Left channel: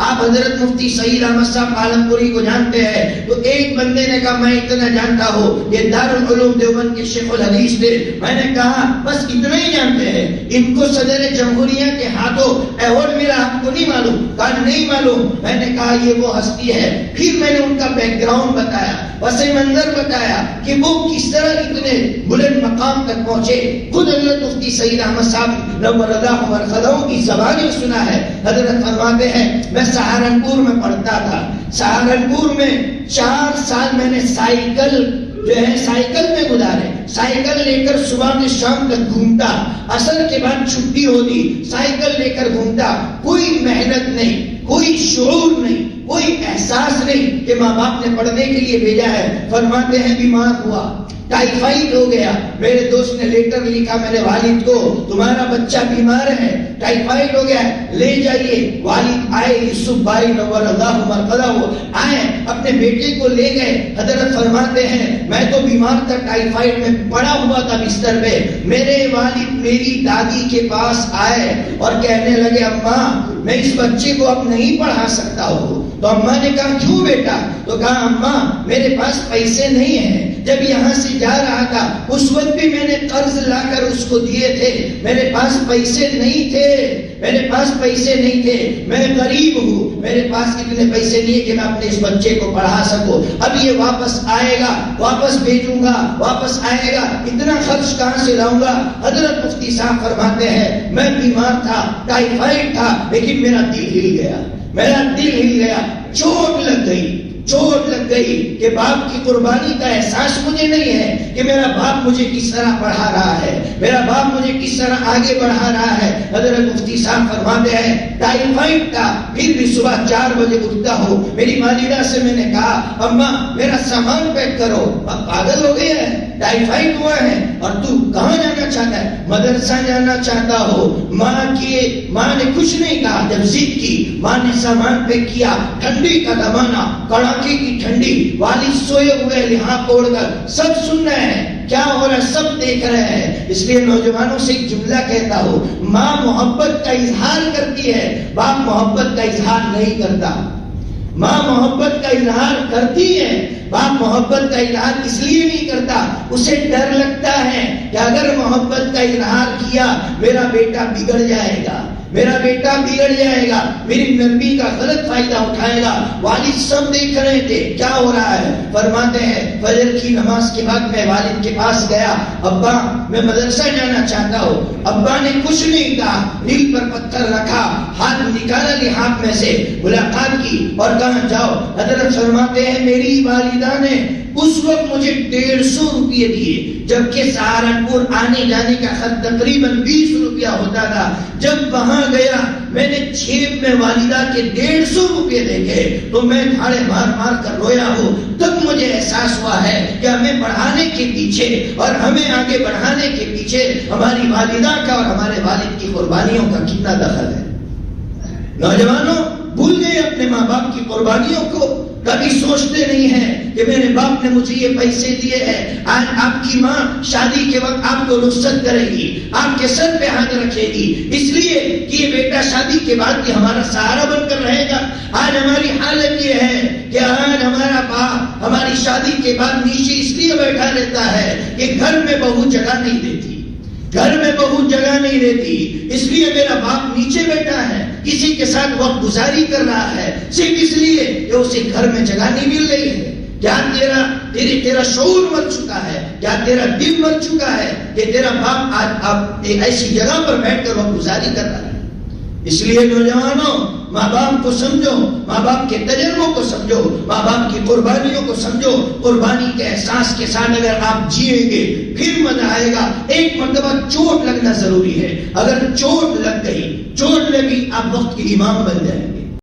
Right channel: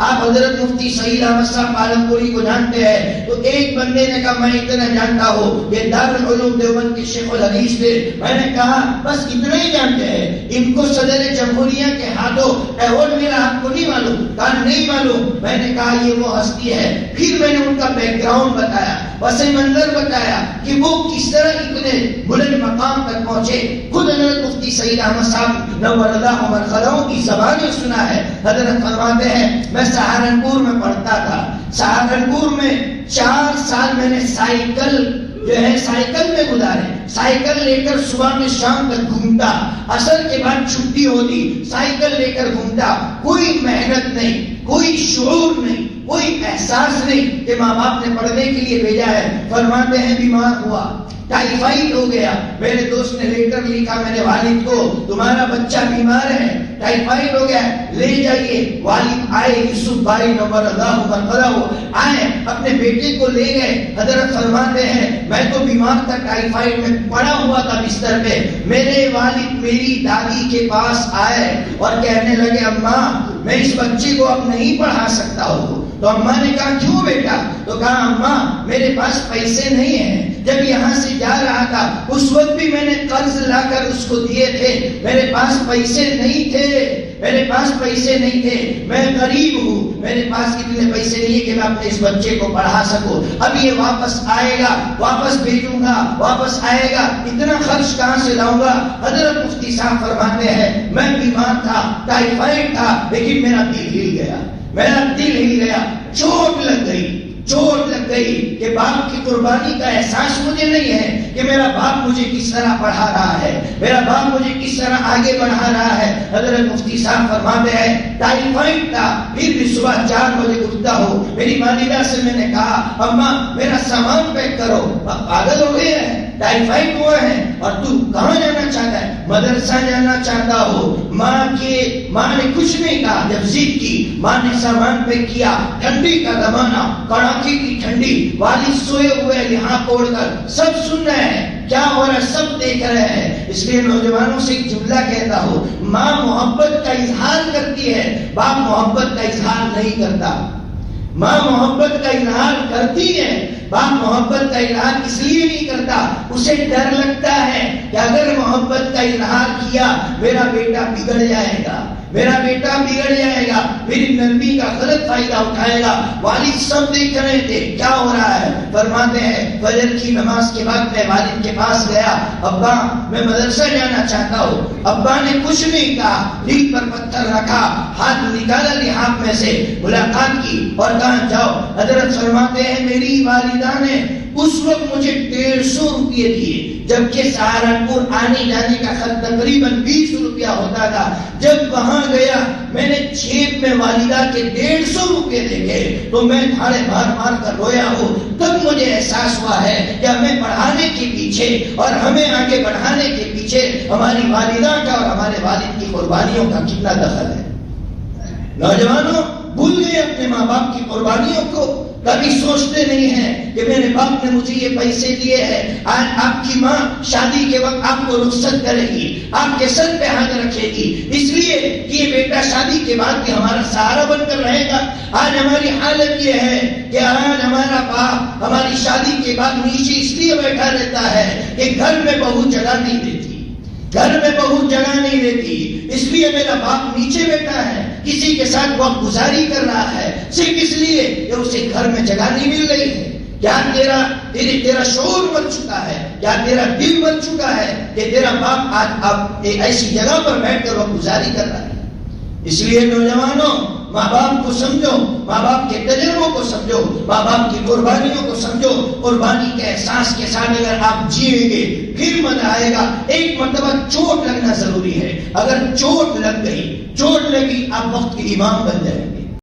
آپ حضرت مفتی سعید احمد صاحب عالمپوری کو جانتے ہیں؟ تو ایک بندے نے کہا میں اتنا جانتا ہوں، یہ دارالعلوم دیوبند کے شیخ الحدیث تھے۔ میں نے کہا بس اتنا ہی جانتے ہیں، ان کو صدر جمہوریہ کے ہاتھوں ایوارڈ ملا، آپ کو نہیں معلوم؟ کہا نہیں معلوم۔ میں نے کہا یہ وہ ہستی ہے۔ پھر میں نے ان کا بیک گراؤنڈ بتایا، پس منظر بتایا کہ وہ کس طرح اتنے بلند مقام تک پہنچے۔ خود حضرت مفتی سعید احمد صاحب نور اللہ مرقدوں کی زبان میں سنا ہے، حضرت فرماتے ہیں میں سہارنپور میں پڑھتا تھا، سہارنپور میں 4 سال میں نے سائیکل میں گزارے، سائیکل لے کر صبح میں شام تک گھومتا، عصر کے بعد چھٹی ہوتی، سائیکل لے کر گھومتا، کوئی محنت نہیں، کوئی شعور نہیں، کوئی احساس نہیں کہ ماں باپ نے پڑھنے کے لیے بھیجا ہے۔ فرماتے ہیں بیمار ہوا، ٹائیفائڈ ہو گیا، میرے دوست نے لیٹر لکھا میرے والد کو، تمہارا بچہ بیمار ہے، ٹائیفائڈ ہو گیا، لے جائیے۔ والد آئے، یوسف بھائی نور اللہ مرقدہ آئے، اپنے بیٹے کو لے گئے۔ حضرت فرماتے ہیں میں تو بیمار تھا، ٹائیفائڈ میں پڑا ہوا تھا بستر پہ، میرے والد میری دادی کے پاس آئے اور کہنے لگے اماں میں اس بچے کو اب نہیں پڑھا سکتا ہوں۔ تو اماں نے کہا کیوں بیٹا؟ تو کہا اماں میرے پاس پیسے نہیں ہیں، جب یہاں سے جا رہا تھا اس وقت بھی میں نے قرض لا کر اس کو دیے تھے، میرے پاس پیسے نہیں تھے، میرے پاس پیسے نہیں تھے، میں غریب ہوں، میرے پاس اتنے پیسے نہیں کہ میں اپنے اس بچے کو پڑھا سکوں، اب یہ واپس آئے گا، واپس بھیجوں گا، واپس آئے گا، اتنا خرچ کہاں سے لاؤں گا؟ حضرت مفتی صاحب فرماتے ہیں میں بیمار تھا، ٹائیفائڈ تھا، لیکن میرا دل ہل گیا، میرا دل ہل گیا، چوٹ لگ گئی، چوٹ لگ گئی کہ باپ کی قربانی کا احساس مجھے نہیں ہے کہ میرا باپ مجھے کس طرح پڑھا رہا ہے، میرا باپ مجھے کس طرح آگے بڑھا رہا ہے۔ حضرت مفتی صاحب فرماتے ہیں ٹائیفائڈ تھا، پھر بھی صبح 4 بجے اٹھتا ہوں، میری والدہ سے میں نے کہا اماں میرا سامان پیک کرو، پاگل ہو گئے ہیں، ٹائیفائڈ ہوا ہے اور تو کہاں جانا چاہتا ہے؟ مدرسہ جانا چاہتا ہو۔ ماں نے کچھ نہیں کہا، جب ضد کی ماں نے سامان پیک کیا، ٹھنڈی کا زمانہ، کڑاکے کی ٹھنڈی، والد سوئے ہوئے لحاف اوڑھ کر، سب سن رہے ہیں کیا ہو رہا ہے، سب دیکھ رہے ہیں۔ اس لیے نوجوانوں سے ایک جملہ کہتا ہوں، ماں محبت کا اظہار کرتی ہے، باپ محبت کا اظہار نہیں کرتا۔ ماں محبت کا اظہار کرتی ہے، باپ محبت کا اظہار اس لیے نہیں کرتا، اسے ڈر لگتا ہے کہ اگر محبت کا اظہار کیا میرا بیٹا بگڑ جائے گا، میرا بیٹا بگڑ جائے گا، میری نبی کا غلط فائدہ اٹھائے گا۔ والد سب دیکھ رہے تھے کیا ہو رہا ہے۔ فرماتے ہیں فجر کی نماز کے بعد میں والد کے پاس گیا، ابا میں مدرسہ جانا چاہتا ہوں۔ ابا نے کچھ نہیں کہا، دل پر پتھر رکھا، ہاتھ نکالا لحاف میں سے، ملاقات کی اور کہا جاؤ۔ حضرت فرماتے ہیں میری والدہ نے اس وقت مجھے 150 روپئے دیے، جبکہ سہارنپور آنے جانے کا خرچ تقریباً 20 روپیہ ہوتا تھا۔ جب وہاں گیا میں نے جیب میں والدہ کے 150 روپئے دیکھے تو میں دھاڑے مار مار کر رویا ہوں۔ تب مجھے احساس ہوا ہے کہ ہمیں پڑھانے کے پیچھے اور ہمیں آگے بڑھانے کے پیچھے ہماری والدہ کا اور ہمارے والد کی قربانیوں کا کتنا دخل ہے۔ نوجوانوں بھول گئے اپنے ماں باپ کی قربانیوں کو، کبھی سوچتے نہیں ہیں کہ میرے باپ نے مجھے یہ پیسے دیے ہیں، آج آپ کی ماں شادی کے وقت آپ کو رخصت کرے گی، آپ کے سر پہ ہاتھ رکھے گی، اس لیے کہ یہ بیٹا شادی کے بعد بھی ہمارا سہارا بن کر رہے گا۔ آج ہماری حالت یہ ہے کہ آج ہمارا باپ ہماری شادی کے بعد نیچے اس لیے بیٹھا رہتا ہے کہ گھر میں بہو جگہ نہیں دیتی، گھر میں بہت جگہ نہیں دیتی، اس لیے میرا باپ نیچے بیٹھا ہے، کسی کے ساتھ وقت گزاری کر رہا ہے، صرف اس لیے کہ اسے گھر میں جگہ نہیں مل رہی ہے۔ کیا تیرا شعور مر چکا ہے؟ کیا تیرا دل مر چکا ہے کہ تیرا باپ آج اب ایک ایسی جگہ پر بیٹھ کر وقت گزاری کر رہا ہے؟ اس لیے نوجوانوں ماں باپ کو سمجھو، ماں باپ کے تجربوں کو سمجھو، ماں باپ کی قربانیوں کو سمجھو۔ قربانی کے احساس کے ساتھ اگر آپ جیئیں گے پھر مزہ آئے گا۔ ایک مرتبہ چوٹ لگنا ضروری ہے، اگر چوٹ لگ گئی، چوٹ لگی، آپ وقت کے امام بن جائیں گے۔